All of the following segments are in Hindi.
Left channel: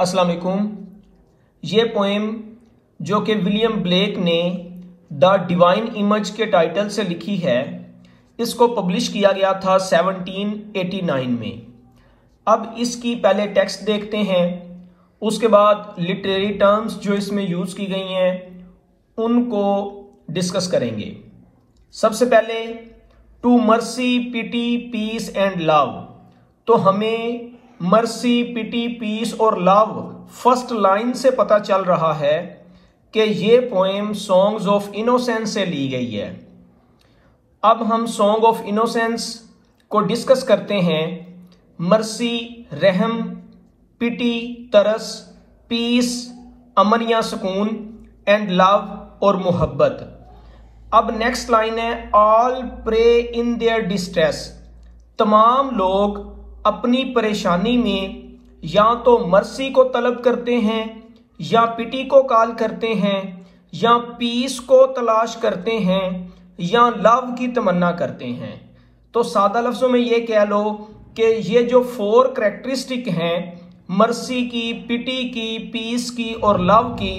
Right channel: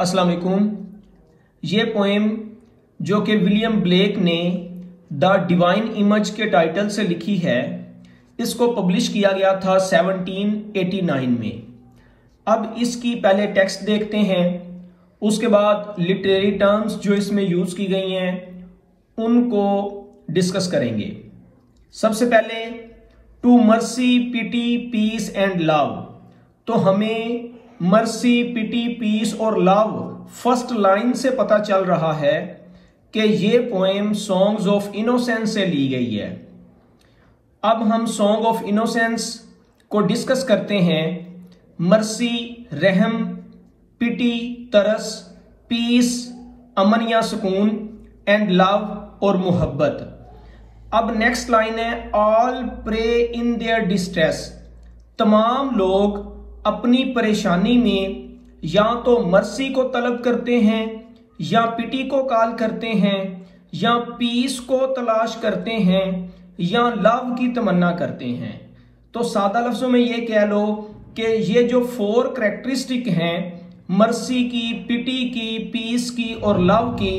अस्सलाम वालेकुम। ये पोएम जो कि विलियम ब्लेक ने द डिवाइन इमेज के टाइटल से लिखी है, इसको पब्लिश किया गया था 1789 में। अब इसकी पहले टेक्स्ट देखते हैं, उसके बाद लिटरेरी टर्म्स जो इसमें यूज की गई हैं उनको डिस्कस करेंगे। सबसे पहले to mercy, pity, peace and love. तो हमें मर्सी, पिटी, पीस और लव फर्स्ट लाइन से पता चल रहा है कि ये पोएम सॉन्ग्स ऑफ इनोसेंस से ली गई है। अब हम सॉन्ग ऑफ इनोसेंस को डिस्कस करते हैं। मर्सी रहम, पिटी तरस, पीस अमन या सुकून, एंड लव और मोहब्बत। अब नेक्स्ट लाइन है all pray in their distress. तमाम लोग अपनी परेशानी में या तो मर्सी को तलब करते हैं, या पिटी को कॉल करते हैं, या पीस को तलाश करते हैं, या लव की तमन्ना करते हैं। तो सादा लफ्जों में ये कह लो कि ये जो 4 कैरेक्टरिस्टिक हैं मर्सी की, पिटी की, पीस की और लव की,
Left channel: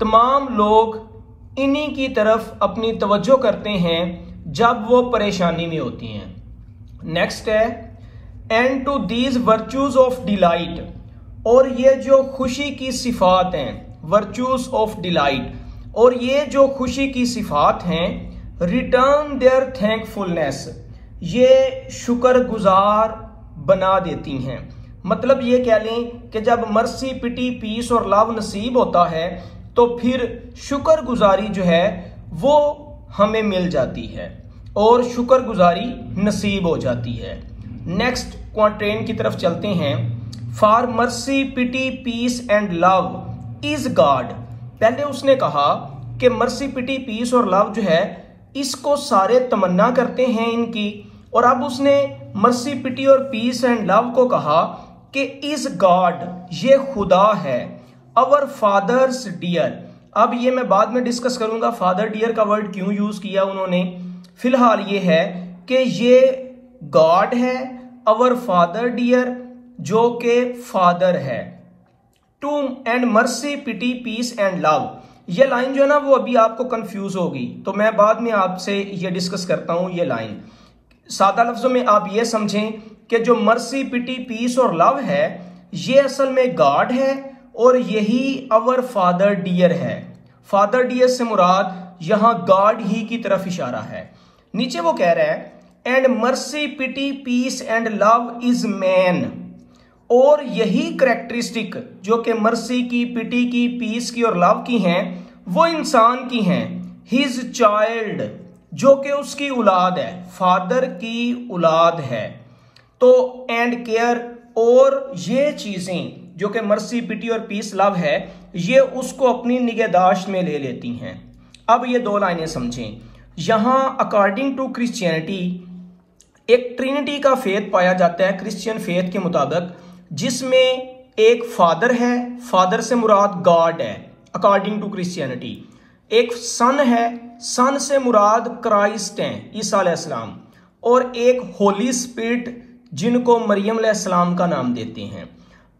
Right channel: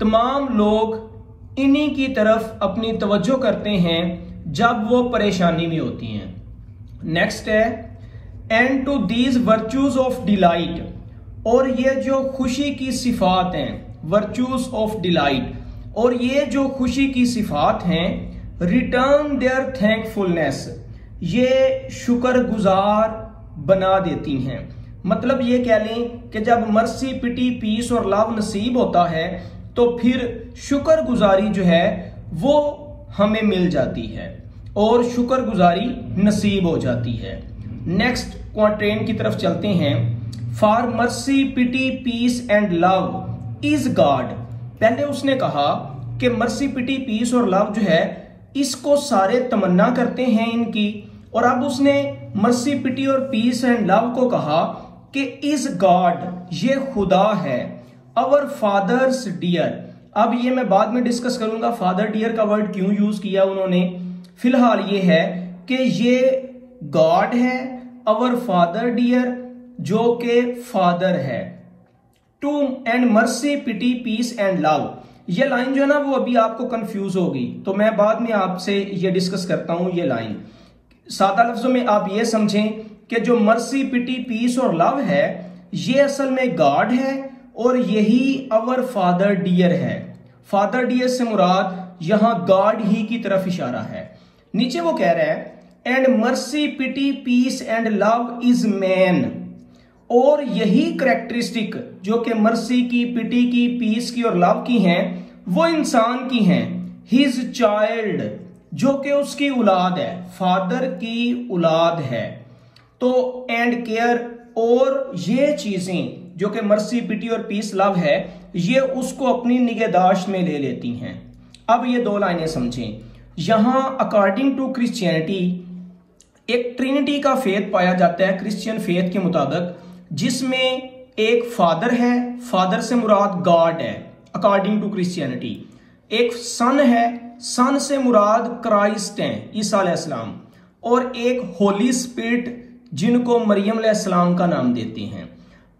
तमाम लोग इन्हीं की तरफ अपनी तवज्जो करते हैं जब वो परेशानी में होती हैं। नेक्स्ट है and to these virtues of delight. और ये जो खुशी की सिफात हैं, वर्च्यूज ऑफ डिलाइट, और ये जो खुशी की सिफात हैं, रिटर्न देयर थैंकफुलनेस, ये शुक्रगुजार बना देती हैं। मतलब ये कह लें कि जब मर्सी, पिटी, पीस और लव नसीब होता है तो फिर शुक्रगुजारी जो है वो हमें मिल जाती है और शुक्रगुजारी नसीब हो जाती है। नेक्स्ट क्वाट्रेन की तरफ चलते हैं। For mercy, pity, peace and love is God. पहले उसने कहा कि मर्सी, पिटी, पीस और लव जो है इसको सारे तमन्ना करते हैं इनकी, और अब उसने मर्सी, पिटी और पीस एंड लव को कहा कि इज गॉड, ये खुदा है, अवर फादर्स डियर। अब ये मैं बाद में डिस्कस करूंगा फादर डियर का वर्ड क्यों यूज किया उन्होंने। फिलहाल ये है कि ये गॉड है, अवर फादर डियर, जो के फादर है। To and mercy, pity, peace and love. ये लाइन जो है ना वो अभी आपको कंफ्यूज होगी, तो मैं बाद में आपसे ये डिस्कस करता हूं। ये लाइन सादा लफ्जों में आप ये समझें कि जो मर्सी, पिटी, पीस और लव है ये असल में गॉड है और यही अवर फादर डियर है। फादर डियर से मुराद यहां गॉड ही की तरफ इशारा है। नीचे वो कह रहा है and mercy, pity, peace and love is man. और यही कैरेक्टरिस्टिक जो कि मर्सी की, पिटी की, पीस की और लव की हैं वो इंसान की हैं। हिज चाइल्ड, जो कि उसकी औलाद है, फादर की औलाद है। तो एंड केयर, और ये चीजें जो कि मर्सी, पिटी और पीस लव है ये उसको अपनी निगहदाश्त में ले लेती हैं। अब ये 2 लाइनें समझें। यहां अकॉर्डिंग टू क्रिश्चियनिटी एक ट्रिनिटी का फेथ पाया जाता है क्रिश्चियन फेथ के मुताबिक, जिसमें एक फादर है, फादर से मुराद गॉड है अकॉर्डिंग टू क्रिश्चियनिटी। एक सन है, सन से मुराद क्राइस्ट है, ईसा अलैहिस्सलाम, और एक होली स्पिरिट जिनको मरियम अलैहिस्सलाम का नाम देते हैं।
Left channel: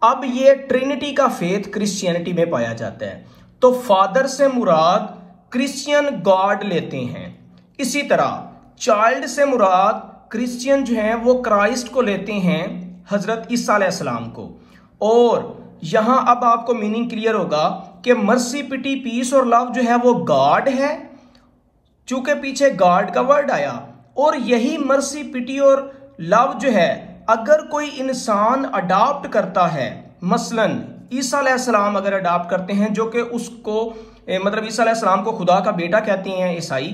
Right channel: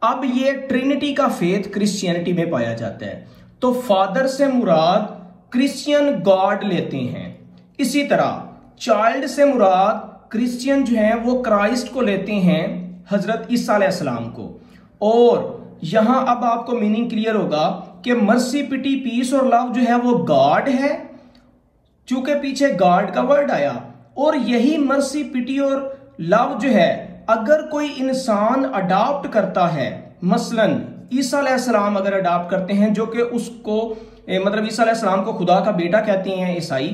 अब ये ट्रिनिटी का फेथ क्रिश्चियनिटी में पाया जाता है, तो फादर से मुराद क्रिश्चियन गॉड लेते हैं। इसी तरह चाइल्ड से मुराद क्रिश्चियन जो है वो क्राइस्ट को लेते हैं, हजरत ईसा अलैहिस्सलाम को। और यहां अब आपको मीनिंग क्लियर होगा कि मर्सी, पिटी, पीस और लव जो है वो गॉड है, चूंकि पीछे गॉड का वर्ड आया। और यही मर्सी, पिटी और लव जो है अगर कोई इंसान अडॉप्ट करता है, मसलन ईसा अलैहिस्सलाम अगर अडॉप्ट करते हैं, जो कि उसको मतलब ईसा अलैहिस्सलाम को खुदा का बेटा कहते हैं ईसाई,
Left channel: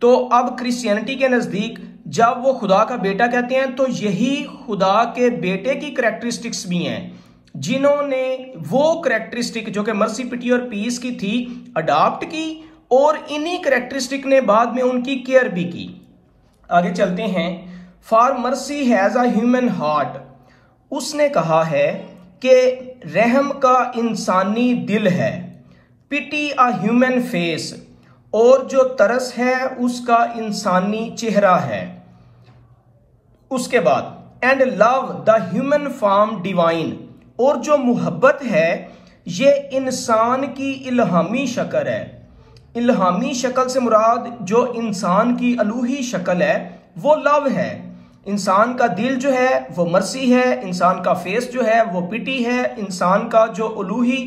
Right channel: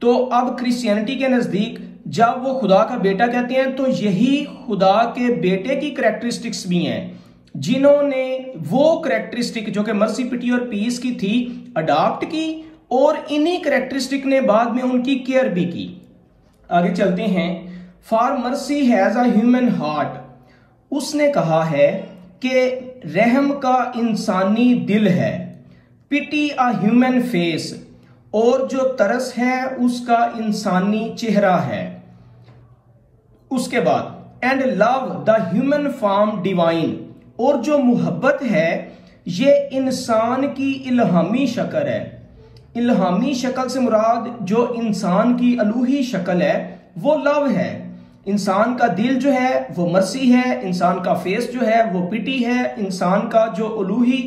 तो अब क्रिश्चियनिटी के नजदीक जब वो खुदा का बेटा कहते हैं तो यही खुदा के बेटे की कैरेक्टरिस्टिक्स भी हैं, जिन्होंने वो कैरेक्टरिस्टिक जो कि मर्सी, पिटी और पीस की थी अडॉप्ट की, और इन्हीं कैरेक्टरिस्टिक ने बाद में उनकी केयर भी की। आगे चलते हैं। For mercy has a human heart. उसने कहा है कि रहम का इंसानी दिल है, पिटी अ ह्यूमन फेस, और जो तरस है उसका इंसानी चेहरा है। उसके बाद and love the human form divine. और जो मोहब्बत है ये इंसान की इल्हामी शक्ल है। इल्हामी शक्ल से मुराद जो इंसान की अलूही शक्ल है वो लव है। इंसान का दिल जो है वो मर्सी है, इंसान का फेस जो है वो पिटी है, इंसान का जो अलूही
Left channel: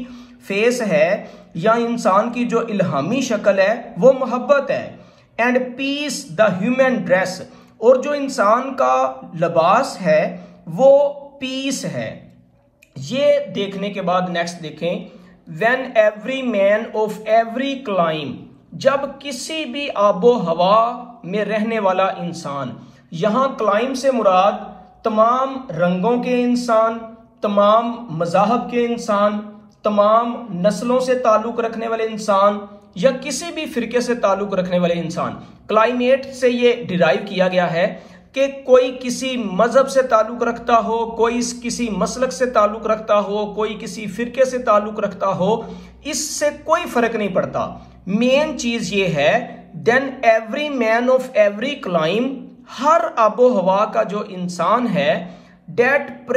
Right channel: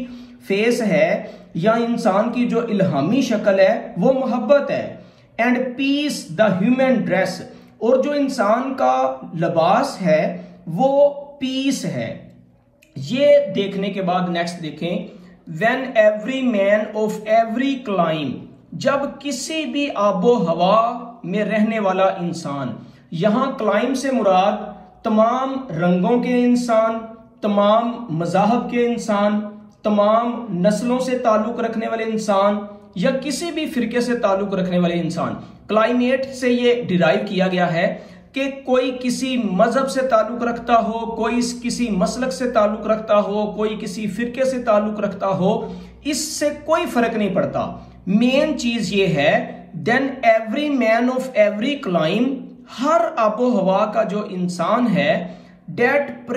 फेस है या इंसान की जो इल्हामी शक्ल है वो मोहब्बत है। And peace the human dress, और जो इंसान का लिबास है वो पीस है। ये देखने के बाद नेक्स्ट देखें, when every man of every climb, जब किसी भी आबो हवा में रहने वाला इंसान, यहां क्लाइम से मुराद तमाम रंगों के इंसान, तमाम मज़ाहब के इंसान, तमाम नस्लों से ताल्लुक रखने वाले इंसान या किसी भी फिरके से ताल्लुक रखने वाले इंसान। क्लाइमेट से ये डिराइव किया गया है कि कोई किसी मजहब से ताल्लुक रखता हो, कोई किसी मसलक से ताल्लुक रखता हो, कोई किसी फिरके से ताल्लुक रखता हो, इससे कोई फर्क नहीं पड़ता। मेन चीज ये है, then every man of every clime, हर आबो हवा का जो इंसान है, that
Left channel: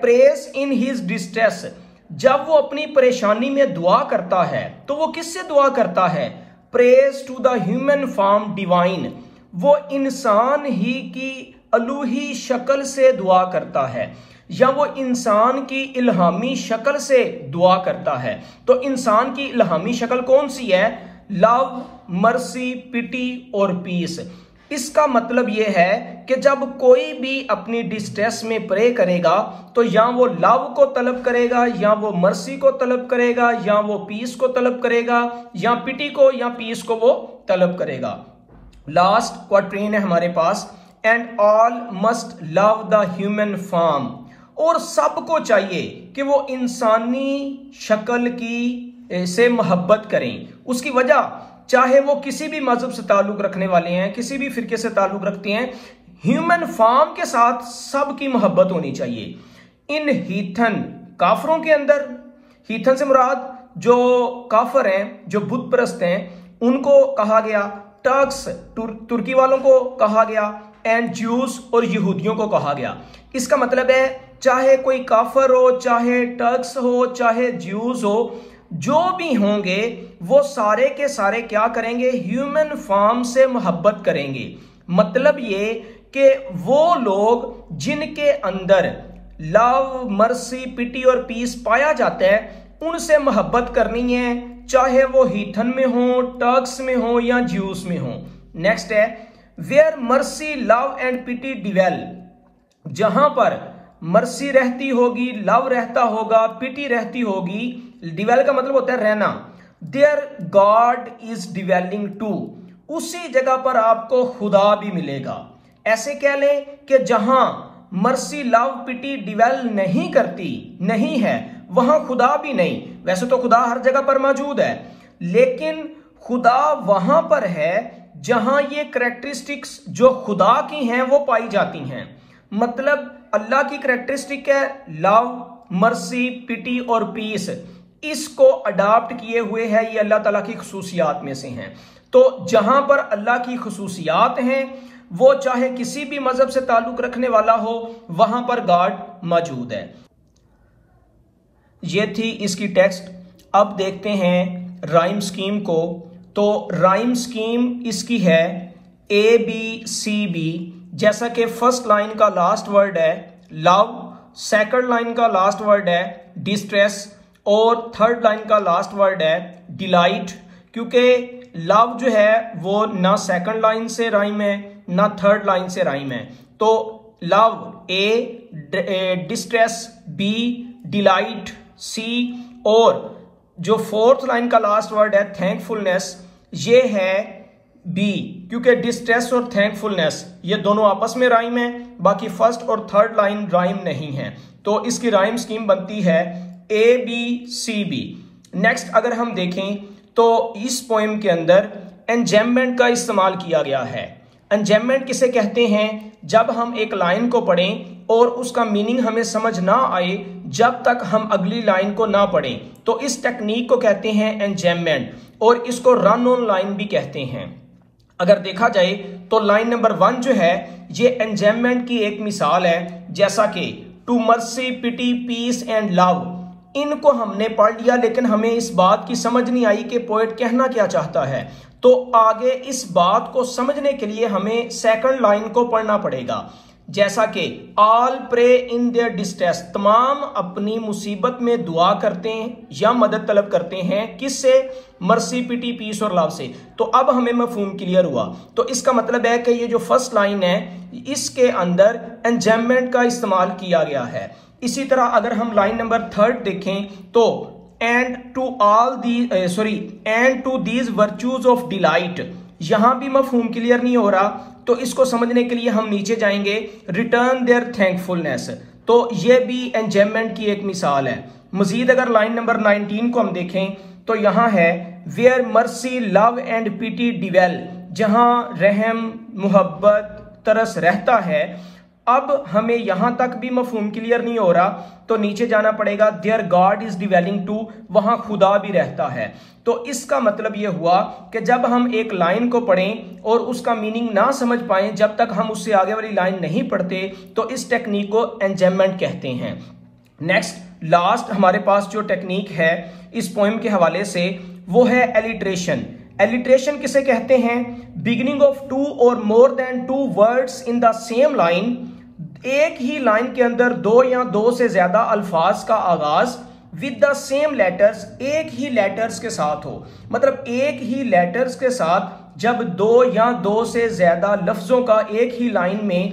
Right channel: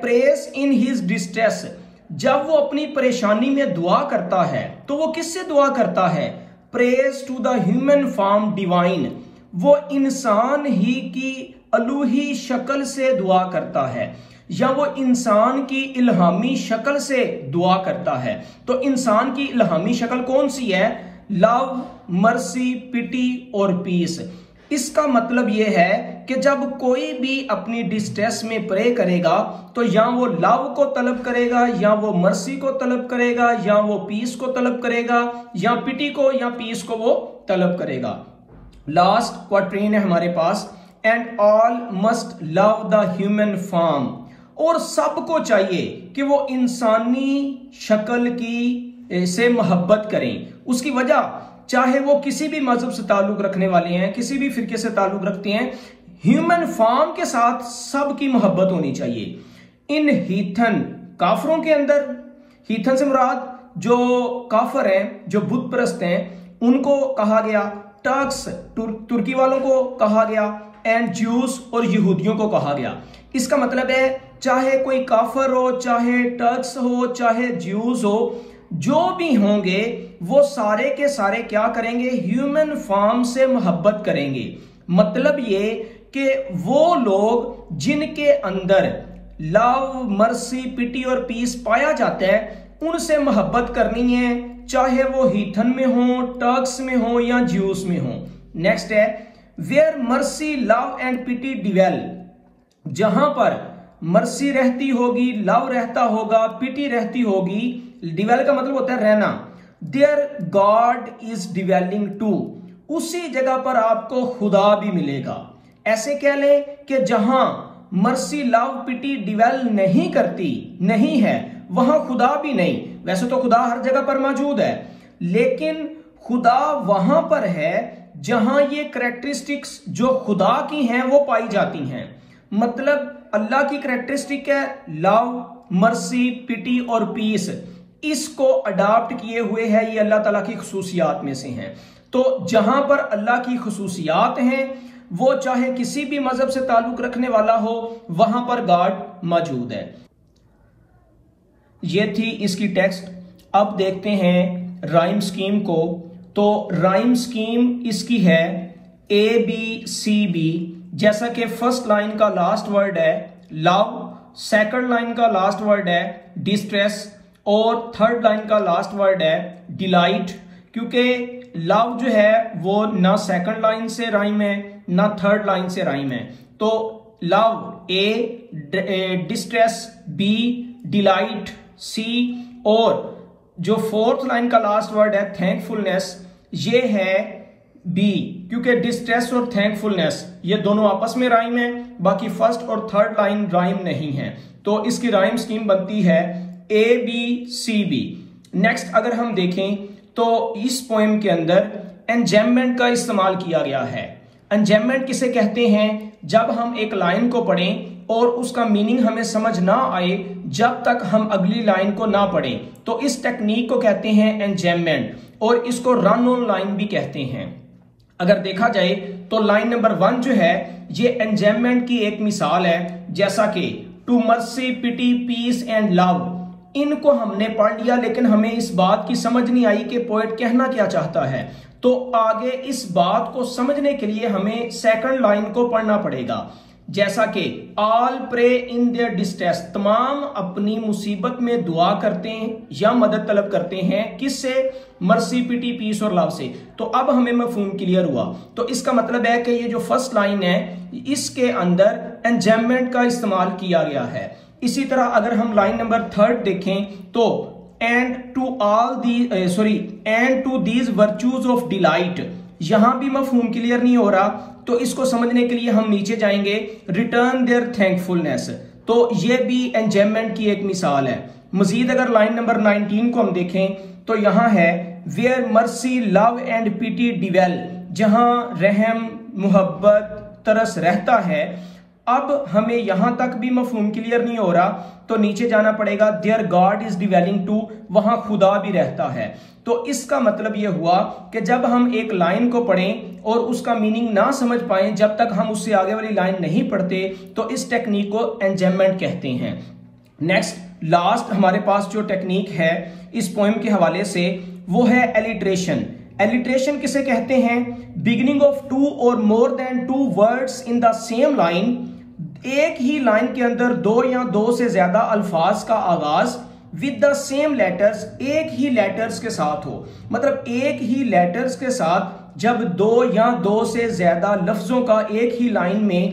prays in his distress, जब वो अपनी परेशानी में दुआ करता है तो वो किससे दुआ करता है? Praise to the human form divine, वो इंसान ही की अलूही शक्ल से दुआ करता है या वो इंसान की इल्हामी शक्ल से दुआ करता है। तो इंसान की इल्हामी शक्ल कौन सी है? लव, मर्सी, पिटी और पीस। इसका मतलब यह है कि जब कोई भी अपनी डिस्ट्रेस में प्रे करेगा तो या वो लव को तलब करेगा, या वो मर्सी को तलब करेगा, या वो पीस को तलब करेगा, या पिटी को या पीस को वो तलब करेगा। लास्ट क्वाट्रीन है हमारे पास, and all must love the human form, और सबको चाहिए कि वो इंसानी शक्ल की से मोहब्बत करें। उसकी वजह, चाहे वो किसी भी मजहब से ताल्लुक रखने वाले हैं, किसी भी फिरके से ताल्लुक रखते हैं, ह्यूमन फॉर्म के साथ सबकी मोहब्बत होनी चाहिए। इन हीथन, काफरों के अंदर, हीथन से मुराद जो काफर हैं, जो बुत परस्त हैं, उनको कहा गया, टर्क्स तुर्की वालों को कहा गया, एंड ज्यूस और यहूदियों को कहा गया। इसका मतलब है चाहे कोई काफर हो, चाहे टर्क्स हो, चाहे ज्यूस हो, जो भी होंगे वो सारे के सारे क्या करेंगे? ह्यूमन फॉर्म से मोहब्बत करेंगे। मतलब ये कि वो लोग जिनके अंदर लव, मर्सी, पिटी और पीस पाया जाता है, उनसे मोहब्बत करनी है, चाहे वो हीथन में हो, टर्क्स में हो या ज्यूस में हो। नेक्स्ट है, वेयर मर्सी, लव एंड पिटी डिवेल, जहां पर मर्सी रहती होगी, लव रहता होगा, पिटी रहती होगी, डिवेल का मतलब होता है रहना, there God is dwelling too, उसी जगह पर आपको खुदा भी मिलेगा। ऐसे कह ले कि जहां मर्सी, लव, पिटी डिवेल नहीं करती, नहीं है, वहां खुदा भी नहीं। वैसे तो खुदा हर जगह पर मौजूद है, लेकिन खुदा वहां पर है जहां ये कैरेक्टरिस्टिक्स जो खुदा की हैं वो पाई जाती हैं। मतलब अल्लाह की कैरेक्टरिस्टिक है लव, मर्सी, पिटी और पीस, इसको अडॉप्ट किए हुए है, ये अल्लाह ताला की खुसूसियात में से हैं। तो जहां पर अल्लाह की खुसूसियात हैं, वो चाहे किसी भी मजहब से ताल्लुक रखने वाला हो, वहां पर गॉड मौजूद है। ये थी इसकी टेक्स्ट। अब देखते हैं राइम स्कीम को। तो राइम स्कीम इसकी है ABCB। जैसा कि फर्स्ट लाइन का लास्ट वर्ड है लव, सेकंड लाइन का लास्ट वर्ड है डिस्ट्रेस, और थर्ड लाइन का लास्ट वर्ड है डिलाइट। क्योंकि लव जो है वो ना सेकंड लाइन से राइम है ना थर्ड लाइन से राइम है। तो love A, distress B, delight C, और जो फोर्थ लाइन का लास्ट वर्ड है थैंकफुलनेस, ये है B, क्योंकि डिस्ट्रेस और थैंकफुलनेस ये दोनों आपस में राइम है, बाकी फर्स्ट और थर्ड लाइन राइम नहीं है। तो इसकी राइम स्कीम बनती है ABCB। नेक्स्ट अगर हम देखें तो इस पोएम के अंदर एंजेममेंट का इस्तेमाल किया गया है। एंजेममेंट किसे कहते हैं? जब हम एक लाइन को पढ़ें और उसका मीनिंग हमें समझ ना आए जब तक हम अगली लाइन को ना पढ़ें, तो इस टेक्निक को कहते हैं एंजेममेंट, और इसको रन ऑन लाइन भी कहते हैं। अगर देखा जाए तो लाइन नंबर 1 जो है ये एंजेममेंट की एक मिसाल है। जैसा कि to mercy, pity, peace and love, इनको हमने पढ़ लिया, लेकिन हमें इस बात की समझ नहीं आई कि पोएट कहना क्या चाहता है। तो आगे इस बात को समझने के लिए हमें सेकंड लाइन को पढ़ना पड़ेगा, जैसा कि all pray in their distress, तमाम अपनी मुसीबत में दुआ करते हैं या मदद तलब करते हैं, किससे? मर्सी, पिटी, पीस और लव से। तो अब हमें मफहूम क्लियर हुआ। तो इसका मतलब है कि ये जो फर्स्ट लाइन है इसके अंदर एंजायमेंट का इस्तेमाल किया गया है। इसी तरह अगर हम लाइन नंबर 3 देखें तो and to these virtues of delight, यहां भी मफहूम क्लियर नहीं हो रहा, तो इसको समझने के लिए हम नीचे जाएंगे, रिटर्न देयर थैंकफुलनेस, तो ये भी एंजॉयमेंट की एक मिसाल है। मजीद अगर लाइन नंबर 19 को हम देखें तो यहां है वेयर मर्सी, लव एंड पिटी डिवेल, जहां रहम, मुहब्बत, तरस रहता है। अब हमें यहां तक भी मफहूम क्लियर नहीं हो रहा, तो नीचे जाना पड़ेगा, there God is dwelling too, वहां खुदा भी रहता है। तो इसका मतलब यह हुआ कि जब हम एक लाइन को पढ़ें और उसका मीनिंग ना समझ पाए, जब तक हम उससे आगे वाली लाइन नहीं पढ़ते, तो इस टेक्निक को एंजॉयमेंट कहते हैं। नेक्स्ट लास्ट हमारे पास जो टेक्निक है इस पोएम के हवाले से, वो है एलिट्रेशन। एलिट्रेशन किसे कहते हैं? बिगिनिंग ऑफ टू और more than two words in the same line, एक ही लाइन के अंदर दो या दो से ज्यादा अल्फाज का आगाज विद द सेम लेटर्स, एक ही लेटर्स के साथ हो। मतलब एक ही लेटर्स के साथ जब दो या दो से ज्यादा लफ्जों का एक ही लाइन में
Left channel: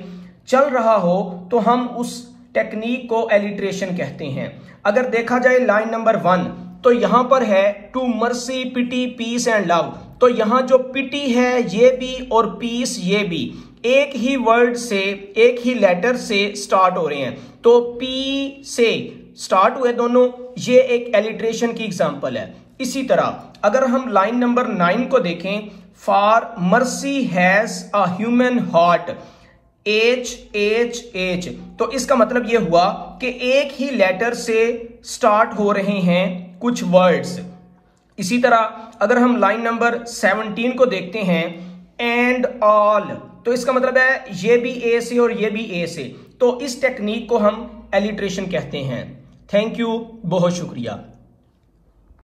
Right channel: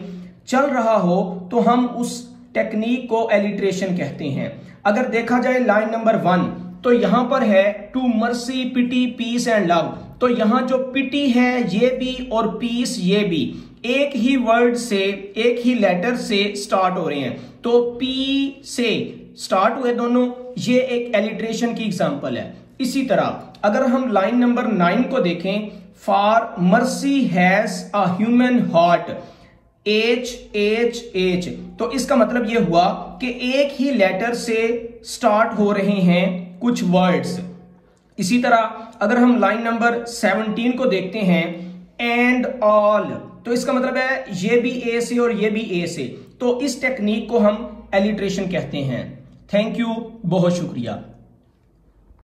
चल रहा हो, तो हम उस टेक्निक को एलिट्रेशन कहते हैं। अगर देखा जाए लाइन नंबर 1, तो यहां पर है to mercy, pity, peace and love, तो यहां जो पिटी है ये भी और पीस ये भी एक ही वर्ड से, एक ही लेटर से स्टार्ट हो रहे हैं, तो पी से स्टार्ट हुए दोनों, ये एक एलिट्रेशन की एग्जांपल है। इसी तरह अगर हम लाइन नंबर 9 को देखें, for mercy has a human heart, H H H, तो इसका मतलब यह हुआ कि एक ही लेटर से स्टार्ट हो रहे हैं कुछ वर्ड्स। इसी तरह अगर हम लाइन नंबर 17 को देखते हैं, एंड ऑल, तो इसका मतलब है ये भी ए से और ये भी ए से, तो इस टेक्निक को हम एलिट्रेशन कहते हैं। थैंक यू, बहुत शुक्रिया।